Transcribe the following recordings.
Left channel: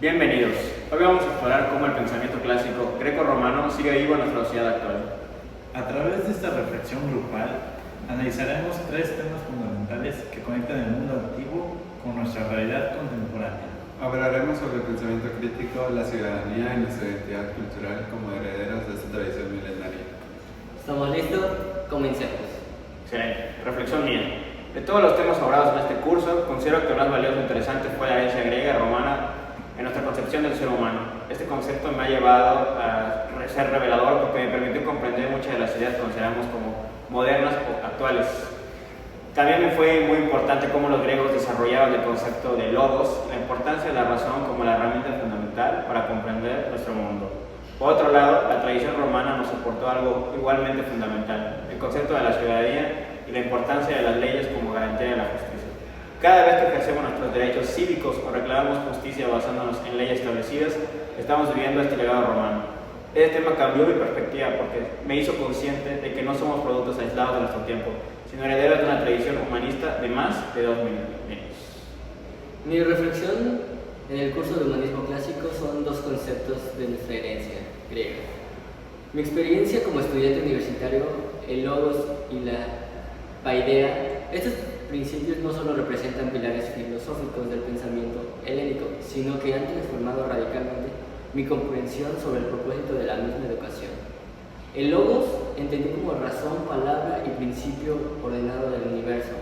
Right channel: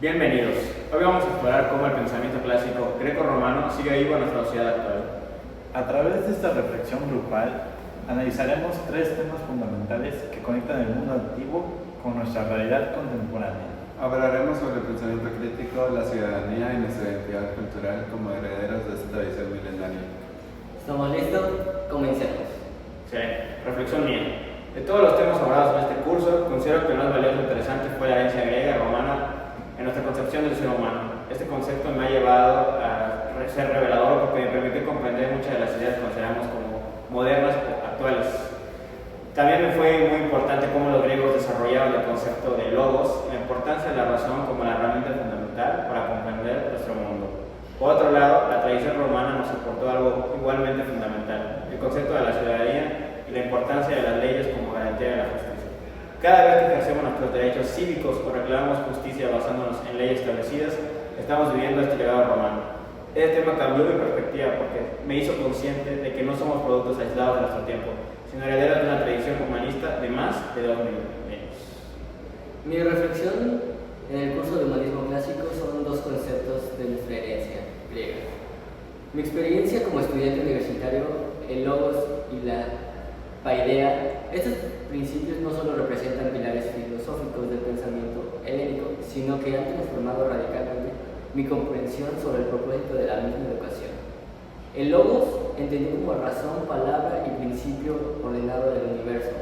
Bienvenidos. Hoy vamos a explorar cómo el pensamiento clásico greco-romano sigue vivo en nuestra sociedad actual. A través de esta reflexión grupal, analizaremos tres temas fundamentales que conectan el mundo antiguo con nuestra realidad contemporánea. Hablaremos sobre el pensamiento crítico, la ciudadanía y nuestra identidad cultural como herederos de esta tradición milenaria. ¿Estamos listos? Comencemos. Excelente. Reflexión mía. De todos los temas abordados en este curso, considero que el más valioso e interesante fue la herencia griega y romana en nuestra concepción del ser humano. Este concepto me ha llevado a ser revelador porque me permitió comprender muchas de las ideas que consideramos como modernas o actuales. También me fue muy importante cómo los griegos desarrollaban el concepto de logos, la importancia de la razón como la herramienta fundamental para comprender nuestro mundo. Por otro lado, la tradición romana nos aportó algo igualmente fundamental, el concepto de la ciudadanía y la importancia de las leyes como garantía de la justicia. Cada vez que ejercemos nuestros derechos cívicos o reclamamos justicia basándonos en leyes establecidas, estamos viviendo este legado romano. Este tema cambió mi perspectiva porque me hizo consciente de que no somos productos aislados de nuestro tiempo, sino herederos de una tradición humanista de más de 2000 años. Mi reflexión en el curso de humanismo clásico son dos conceptos de nuestra herencia griega. Mi experiencia como estudiante universitario, el logos y la paideia, estos principios no solo representan pilares filosóficos del pensamiento helénico, sino que han transformado radicalmente mi comprensión sobre el propósito de la misma educación. El logos entendí como razón, palabra y principio ordenado del universo.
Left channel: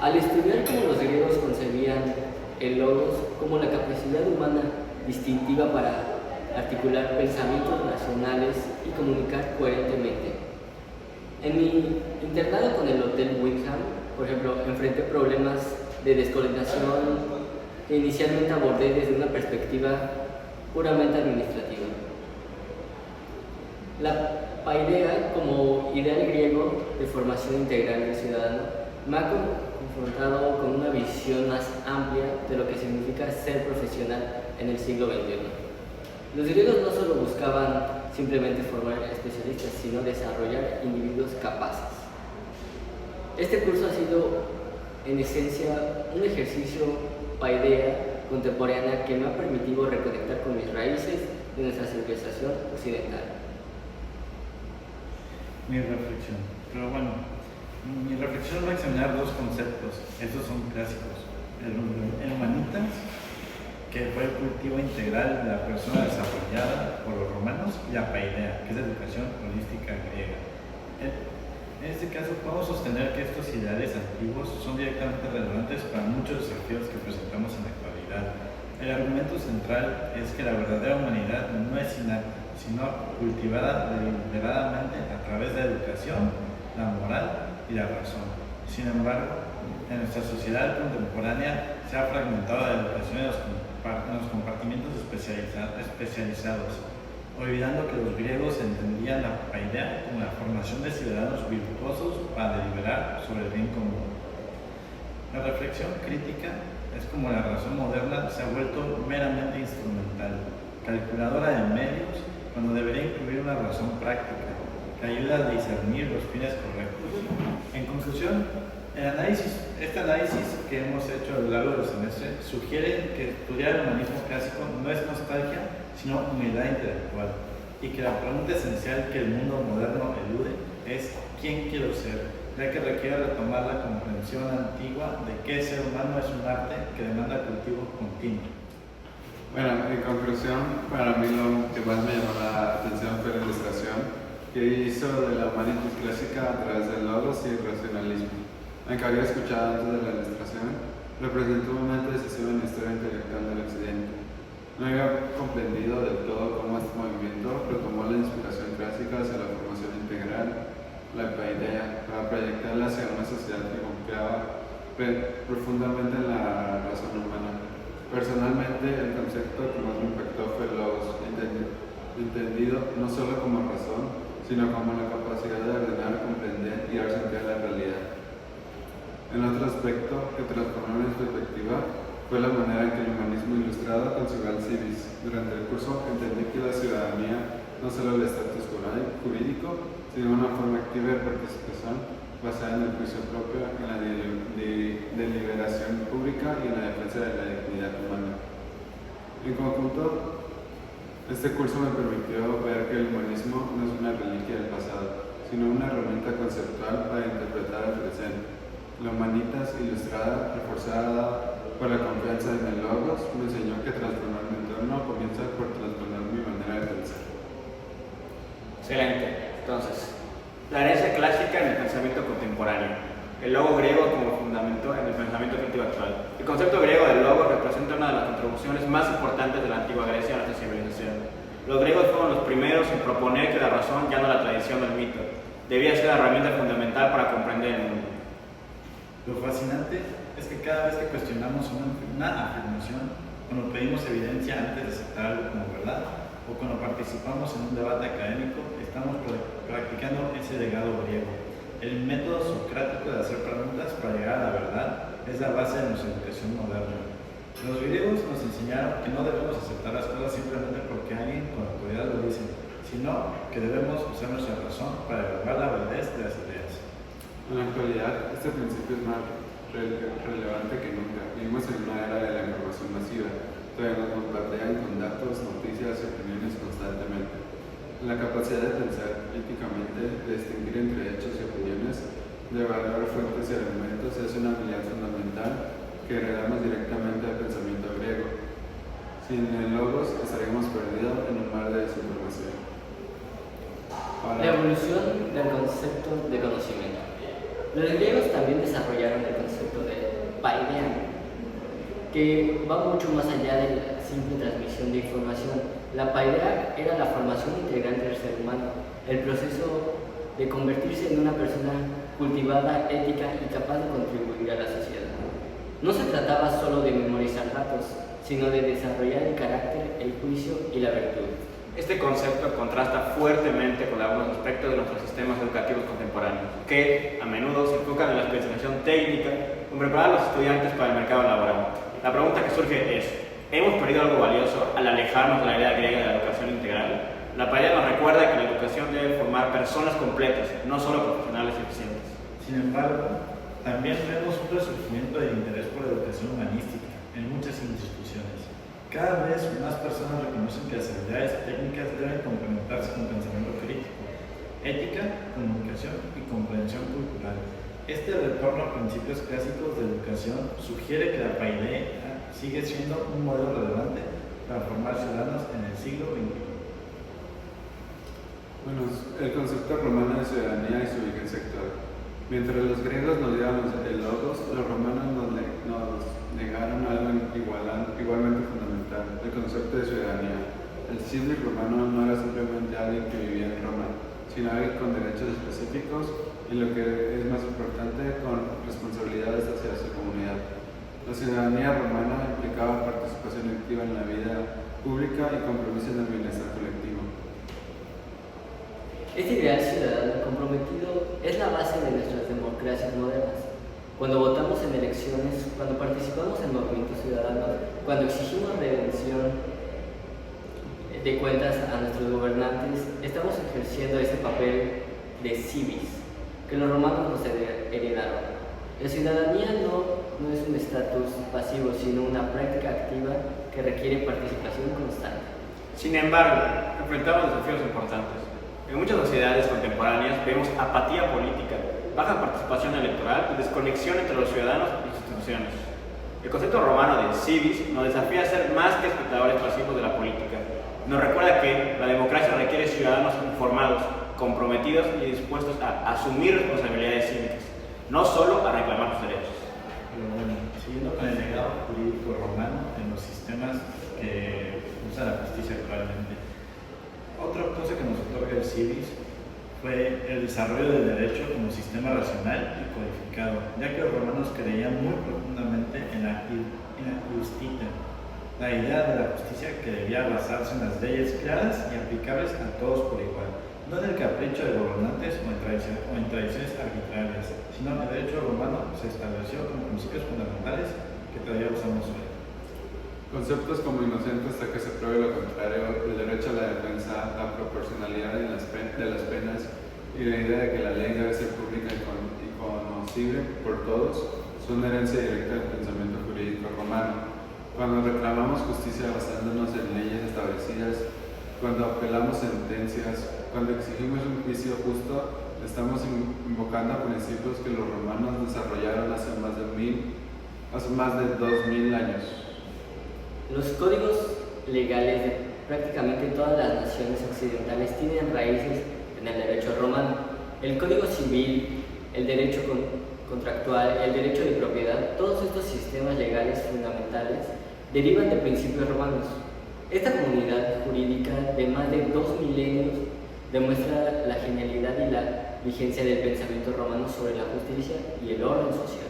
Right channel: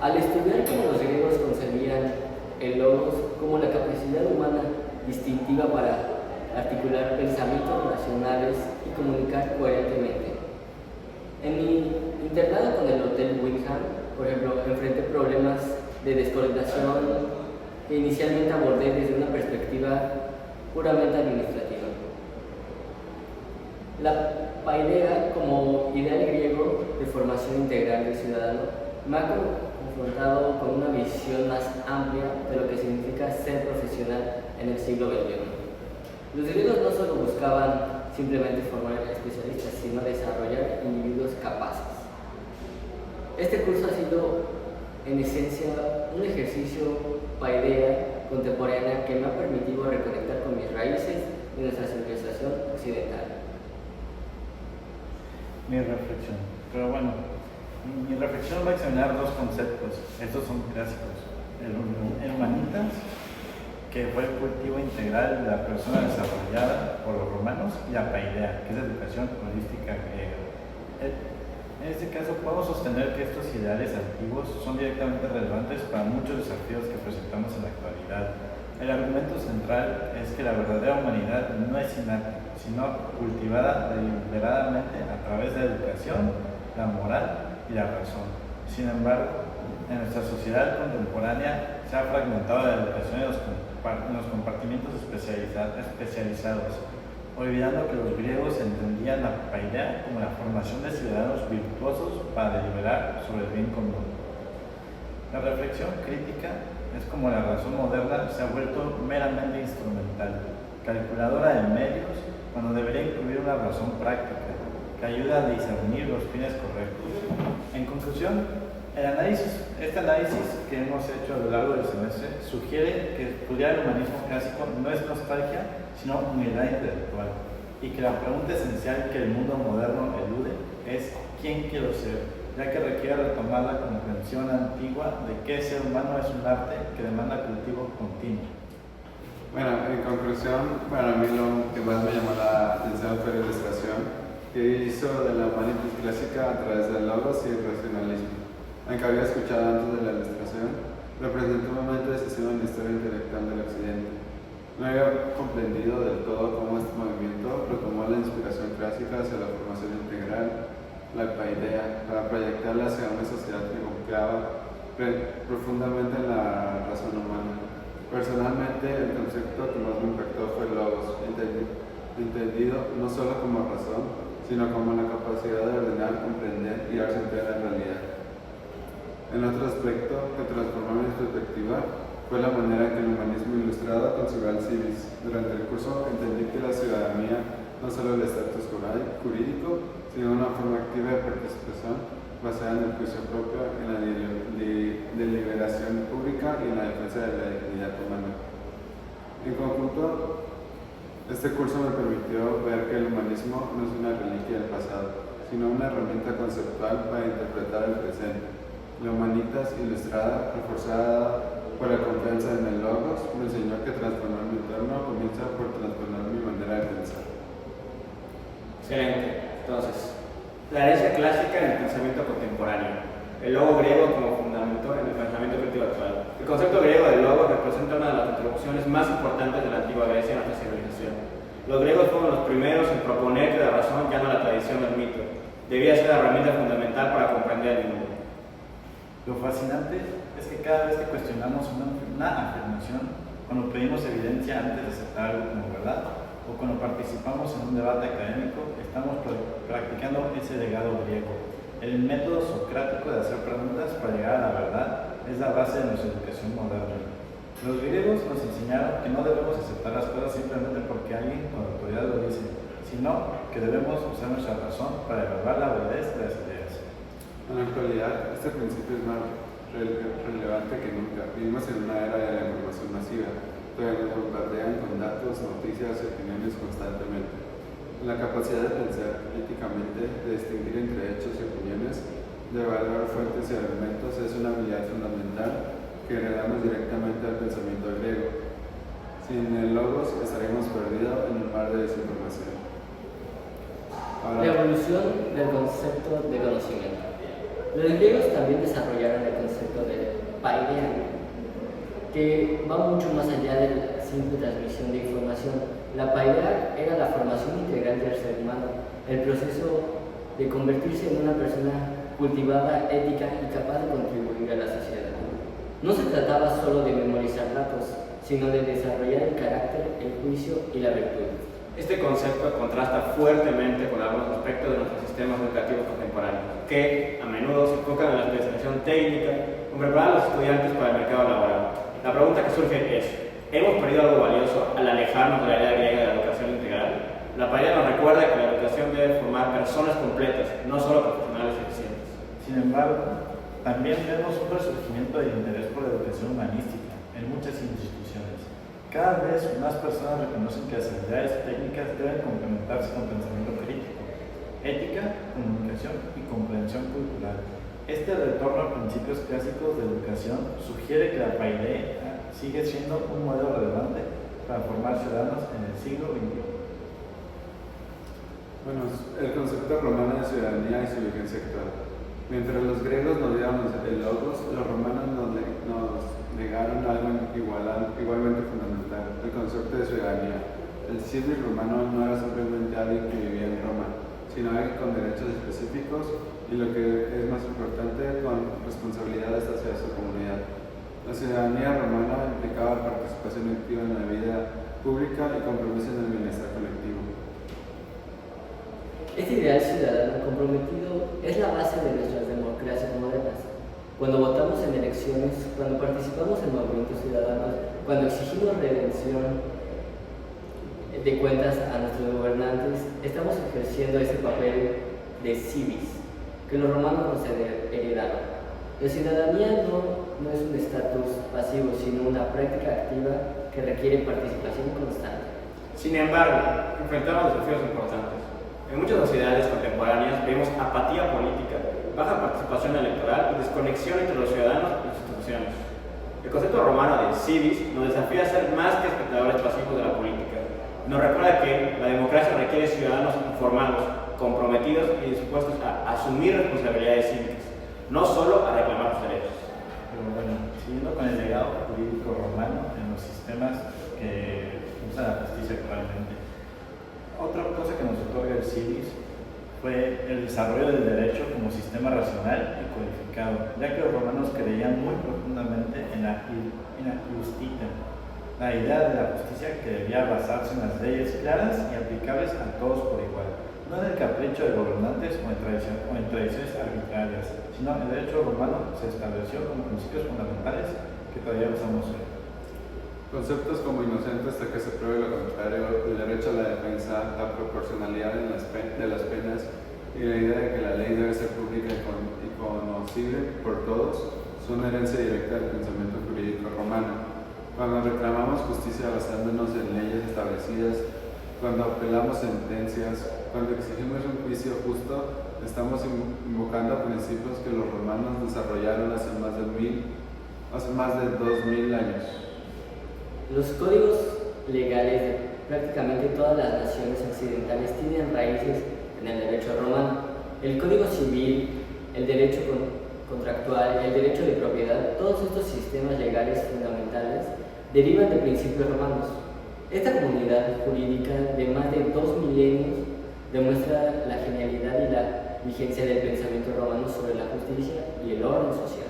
Al estudiar cómo los griegos concebían el logos como la capacidad humana distintiva para articular pensamientos racionales y comunicar coherentemente. En mi internado con el Hotel Wyndham, por ejemplo, enfrenté problemas de descoordinación que inicialmente abordé desde una perspectiva puramente administrativa. La paideia, como ideal griego de formación integral del ciudadano, me ha confrontado con una visión más amplia de lo que significa ser profesional en el siglo XXI. Los griegos no solo buscaban simplemente formar especialistas, sino desarrollar individuos capaces. Este curso ha sido, en esencia, un ejercicio paideia contemporánea que me ha permitido reconectar con mis raíces de nuestra civilización occidental. Mi reflexión. Pero bueno, mi reflexión va a examinar dos conceptos. Estos son clásicos. El humanitas, que fue el cultivo integral de la persona desarrollada por los romanos, y la paideia, que es la educación holística griega. En este caso, podemos sostener que estos ideales antiguos son directamente relevantes para muchos desafíos que presentamos en la actualidad. El argumento central es que la verdadera humanidad no es innata, sino cultivada deliberadamente a través de la educación, la moral y la razón. Sin embargo, en nuestra sociedad contemporánea se ha fragmentado la educación en los compartimientos especializados, olvidando que los griegos entendían la paideia como la formación de ciudadanos virtuosos para deliberar sobre el bien común. La reflexión crítica es como la razón moderna se ha vuelto meramente instrumental, calculadora de medios, cuando debería incluir una razón práctica que ayuda a discernir los fines correctos. En conclusión, este análisis que hemos hecho a lo largo del semestre sugiere que estudiar el humanismo clásico no es nostalgia, sino humildad intelectual, y que la pregunta esencial que el mundo moderno elude es ¿quién quiero ser?, ya que requiere retomar la comprensión antigua de que el ser humano es un arte que demanda cultivo continuo. Bueno, en conclusión, para mí lo que más me llamó la atención fue la ilustración que hizo de la humanitas clásica a través del logos y el racionalismo. Aunque había escuchado antes de la ilustración, representó un momento decisivo en la historia intelectual del Occidente. No había comprendido del todo cómo este movimiento retomó la inspiración clásica hacia la formación integral, la paideia, para proyectarla hacia una sociedad que confiaba profundamente en la razón humana. Personalmente, el concepto que más me impactó fue logos, entendido no solo como razón, sino como la capacidad de ordenar, comprender y dar sentido a la realidad. En otro aspecto que transformó mi perspectiva fue la manera en que el humanismo ilustrado concibió al civis. Durante el curso entendí que la ciudadanía no solo el estatus jurídico, sino una forma activa de participación basada en el juicio propio, en la deliberación pública y en la defensa de la dignidad humana. En conjunto, este curso me permitió ver que el humanismo no es una reliquia del pasado, sino una herramienta conceptual para interpretar el presente. La Humanitas Ilustrada, reforzada por la confianza en el Logos, me enseñó que transformar mi entorno comienza por transformar mi manera de pensar. Excelente. Entonces, la herencia clásica en el pensamiento contemporáneo. El logo griego como fundamento en el pensamiento creativo actual. El concepto griego del logo representa una de las contribuciones más importantes de la antigua Grecia a nuestra civilización. Los griegos fueron los primeros en proponer que la razón, ya no la tradición del mito, debía ser la herramienta fundamental para comprender el mundo. Lo fascinante es que cada vez que cuestionamos una afirmación, cuando pedimos evidencia antes de aceptar algo como verdad, o cuando participamos en un debate académico, estamos practicando ese legado griego. El método socrático de hacer preguntas para llegar a la verdad es la base de nuestra educación moderna. Los griegos nos enseñaron que no debemos aceptar las cosas simplemente porque alguien con autoridad lo dice, sino que debemos usar nuestra razón para evaluar la validez de las ideas. En la actualidad, este principio es más relevante que nunca. Vivimos en una era de la información masiva, donde nos bombardean con datos, noticias y opiniones constantemente. La capacidad de pensar críticamente, de distinguir entre hechos y opiniones, de evaluar fuentes y argumentos es una habilidad fundamental que heredamos directamente al pensamiento griego. Sin el logos estaríamos perdidos en un mar de desinformación. La evolución del concepto de conocimiento. Los griegos también desarrollaron el concepto de paideia, que va mucho más allá de la simple transmisión de información. La paideia era la formación integral del ser humano, el proceso de convertirse en una persona cultivada, ética y capaz de contribuir a la sociedad. No se trataba solo de memorizar datos, sino de desarrollar el carácter, el juicio y la virtud. Este concepto contrasta fuertemente con algunos aspectos de nuestros sistemas educativos contemporáneos, que a menudo se enfocan en la especialización técnica o preparar a los estudiantes para el mercado laboral. La pregunta que surge es, ¿hemos perdido algo valioso al alejarnos de la idea griega de la educación integral? La Paideia nos recuerda que la educación debe formar personas completas, no solo profesionales eficientes. Sin embargo, también vemos un resurgimiento del interés por la educación humanística en muchas instituciones. Cada vez más personas reconocen que las habilidades técnicas deben complementarse con pensamiento crítico, ética, comunicación y comprensión cultural. Este retorno a principios clásicos de educación sugiere que la paideia sigue siendo un modelo relevante para formar ciudadanos en el siglo XXI. Bueno, el concepto romano de ciudadanía y su vigencia actual. Mientras los griegos nos dieron el logos, los romanos nos negaron algo igualmente fundamental, el concepto de ciudadanía. El civis romano no era simplemente alguien que vivía en Roma, sino alguien con derechos específicos y, lo que es más importante, con responsabilidades hacia su comunidad. La ciudadanía romana implicaba participación activa en la vida pública y compromiso en el bienestar colectivo. Este ideal ciudadano comprometido es la base de nuestras democracias modernas. Cuando votamos en elecciones, cuando participamos en movimientos ciudadanos, cuando exigimos redención de cuentas a nuestros gobernantes, estamos ejerciendo ese papel de civis que los romanos nos heredaron. La ciudadanía no es un estatus pasivo, sino una práctica activa que requiere participación constante. Sin embargo, enfrentamos desafíos importantes. En muchas sociedades contemporáneas vemos apatía política, baja participación electoral y desconexión entre los ciudadanos y las instituciones. El concepto romano del civis nos desafía a ser más que espectadores pasivos de la política. Nos recuerda que la democracia requiere ciudadanos informados, comprometidos y dispuestos a asumir responsabilidades cívicas, no solo a reclamar sus derechos. Pero bueno, siguiendo con el legado jurídico romano en los sistemas que usan la justicia actualmente, otra cosa que nos otorga el civis fue el desarrollo del derecho como sistema racional y codificado, ya que los romanos creían muy profundamente en la justicia, la idea de la justicia que debía basarse en las leyes claras y aplicables a todos por igual, no en el capricho de gobernantes o en tradiciones arbitrarias, sino en el derecho romano se estableció como principios fundamentales que todavía usamos hoy. Conceptos como inocente hasta que se pruebe lo contrario, el derecho a la defensa, la proporcionalidad de las penas y la idea de que la ley debe ser pública y conocible por todos son herencia directa del pensamiento jurídico romano. Cuando reclamamos justicia basándonos en leyes establecidas, cuando apelamos sentencias, cuando exigimos un juicio justo, estamos invocando principios que los romanos desarrollaron hace más de 2000 años. Los códigos legales de prácticamente todas las naciones occidentales tienen raíces en el derecho romano. El Código Civil, el derecho contractual, el derecho de propiedad, todos estos sistemas legales fundamentales derivan de principios romanos. Esta comunidad jurídica de más de 2 milenios demuestra la genialidad y la vigencia del pensamiento romano sobre la justicia y el orden social.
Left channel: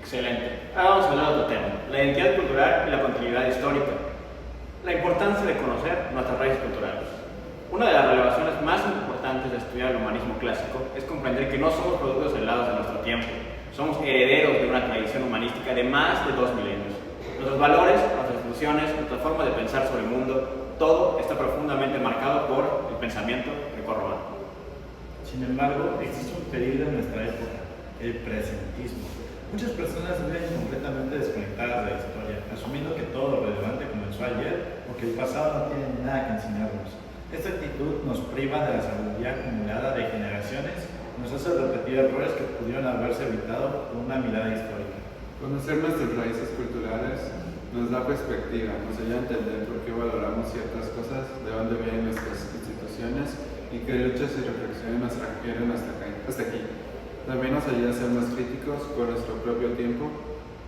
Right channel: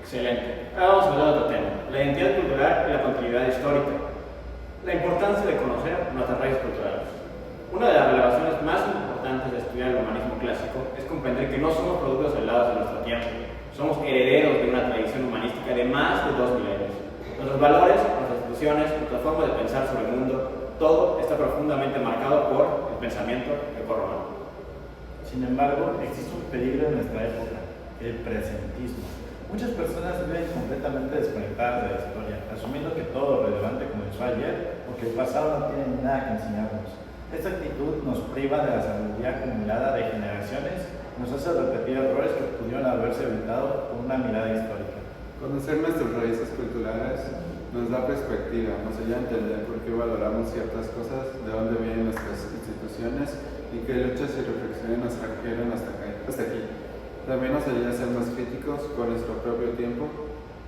Excelente. Ahora vamos a hablar de otro tema, la identidad cultural y la continuidad histórica. La importancia de conocer nuestras raíces culturales. Una de las revelaciones más importantes de estudiar el humanismo clásico es comprender que no somos productos aislados de nuestro tiempo, somos herederos de una tradición humanística de más de 2 milenios. Nuestros valores, nuestras instituciones, nuestra forma de pensar sobre el mundo, todo está profundamente marcado por el pensamiento grecorromano. Sin embargo, existe un peligro en nuestra época, el presentismo. Muchas personas viven completamente desconectadas de la historia, asumiendo que todo lo relevante comenzó ayer o que el pasado no tiene nada que enseñarnos. Esta actitud nos priva de la sabiduría acumulada de generaciones, nos hace repetir errores que pudieron haberse evitado con una mirada histórica. Conocer nuestras raíces culturales nos da perspectiva, nos ayuda a entender por qué valoramos ciertas cosas, de dónde vienen nuestras instituciones y qué luchas y reflexiones nos trajeron hasta aquí. También nos ayuda a ser más críticos con nuestro propio tiempo,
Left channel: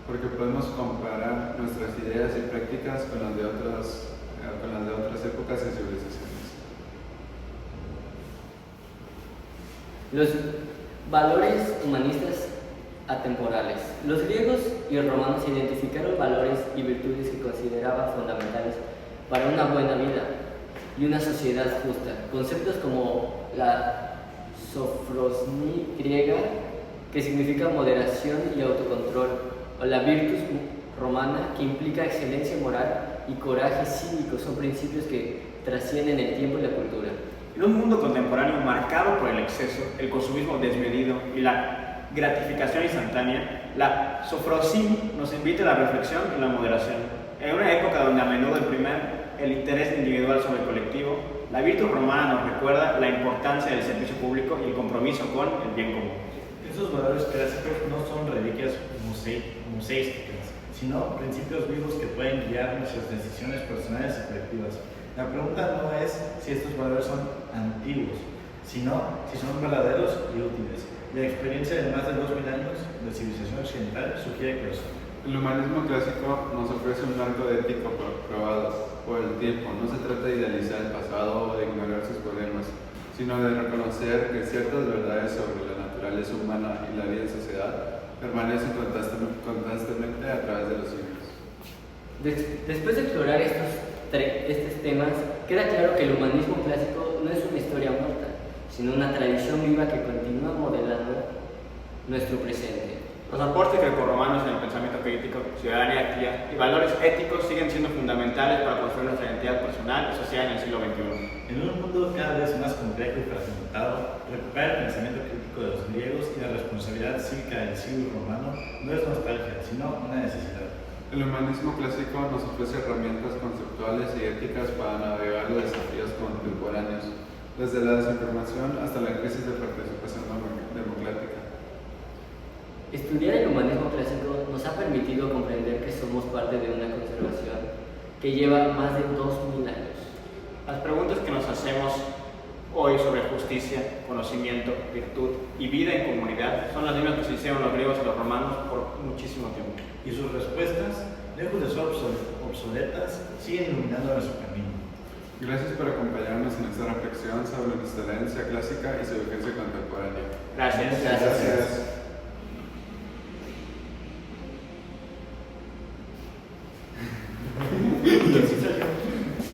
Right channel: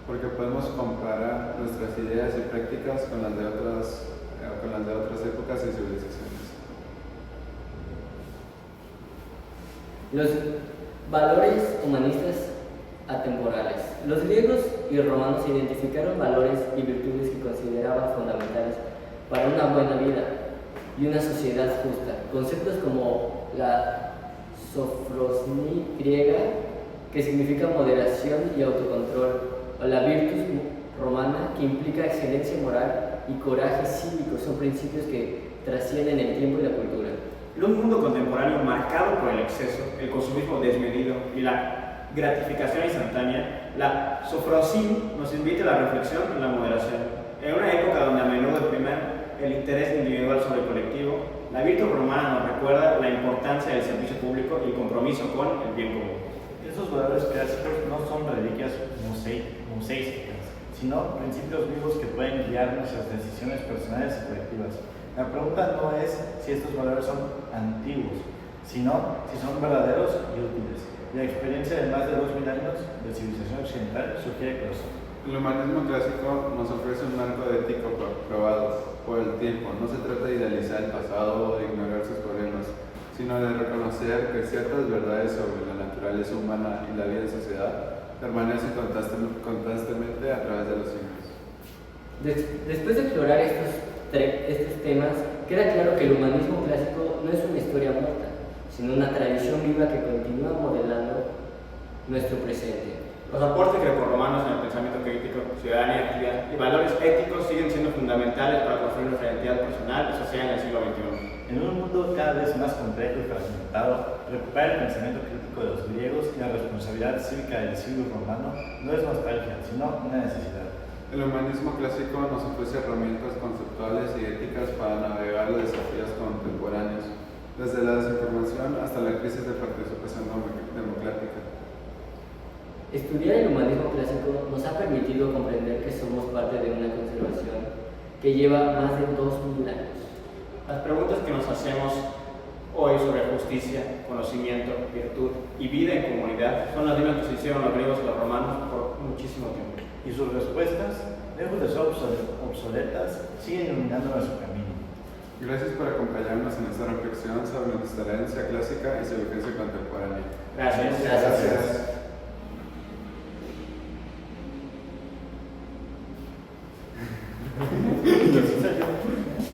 porque podemos comparar nuestras ideas y prácticas con las de otras épocas y civilizaciones. Los valores humanistas atemporales. Los griegos y romanos identificaron valores y virtudes que consideraban fundamentales para una buena vida y una sociedad justa. Conceptos como la sofrosní griega, que significa moderación y autocontrol, o la virtus romana, que implica excelencia moral y coraje cívico, son principios que trascienden el tiempo y la cultura. En un mundo contemporáneo marcado por el exceso, el consumismo desmedido y la gratificación instantánea, la sofrosní nos invita a la reflexión y la moderación. En una época donde a menudo el interés individual sobre el colectivo, la virtud romana nos recuerda la importancia del servicio público y el compromiso con el bien común. Estos valores clásicos no son reliquias museísticas, sino principios vivos que pueden guiar nuestras decisiones personales y colectivas. La pregunta no es si estos valores son antiguos, sino si son verdaderos y útiles. La experiencia de más de 2000 años de civilización occidental sugiere que lo son. El humanismo clásico nos ofrece un marco de ética probado por el tiempo. No se trata de idealizar el pasado o de ignorar sus problemas, sino de reconocer que ciertas verdades sobre la naturaleza humana y la vida en sociedad permanecen constantemente a través de los siglos. Después de explorar estos temas, queda claro que el humanismo clásico no es una historia muerta, sino una tradición viva que continúa modelando nuestro presente. Los aportes grecorromanos en el pensamiento crítico, ciudadanía y valores éticos siguen siendo fundamentales para construir nuestra identidad personal y social en el siglo XXI. En un mundo cada vez más complejo y fragmentado, recuperar el pensamiento crítico de los griegos y la responsabilidad cívica del siglo romano no es nostalgia, sino una necesidad. El humanismo clásico nos ofrece herramientas conceptuales y éticas para navegar los desafíos contemporáneos, desde la desinformación hasta la crisis de participación democrática. Estudiar el humanismo clásico nos ha permitido comprender que somos parte de una conservación que lleva más de 2000 años. Las preguntas que nos hacemos hoy sobre justicia, conocimiento, virtud y vida en comunidad son las mismas que se hicieron los griegos y los romanos por muchísimo tiempo. Y sus respuestas, lejos de ser obsoletas, siguen iluminando nuestro camino. Gracias por acompañarnos en esta reflexión sobre nuestra herencia clásica y su vigencia contemporánea. Gracias. Gracias.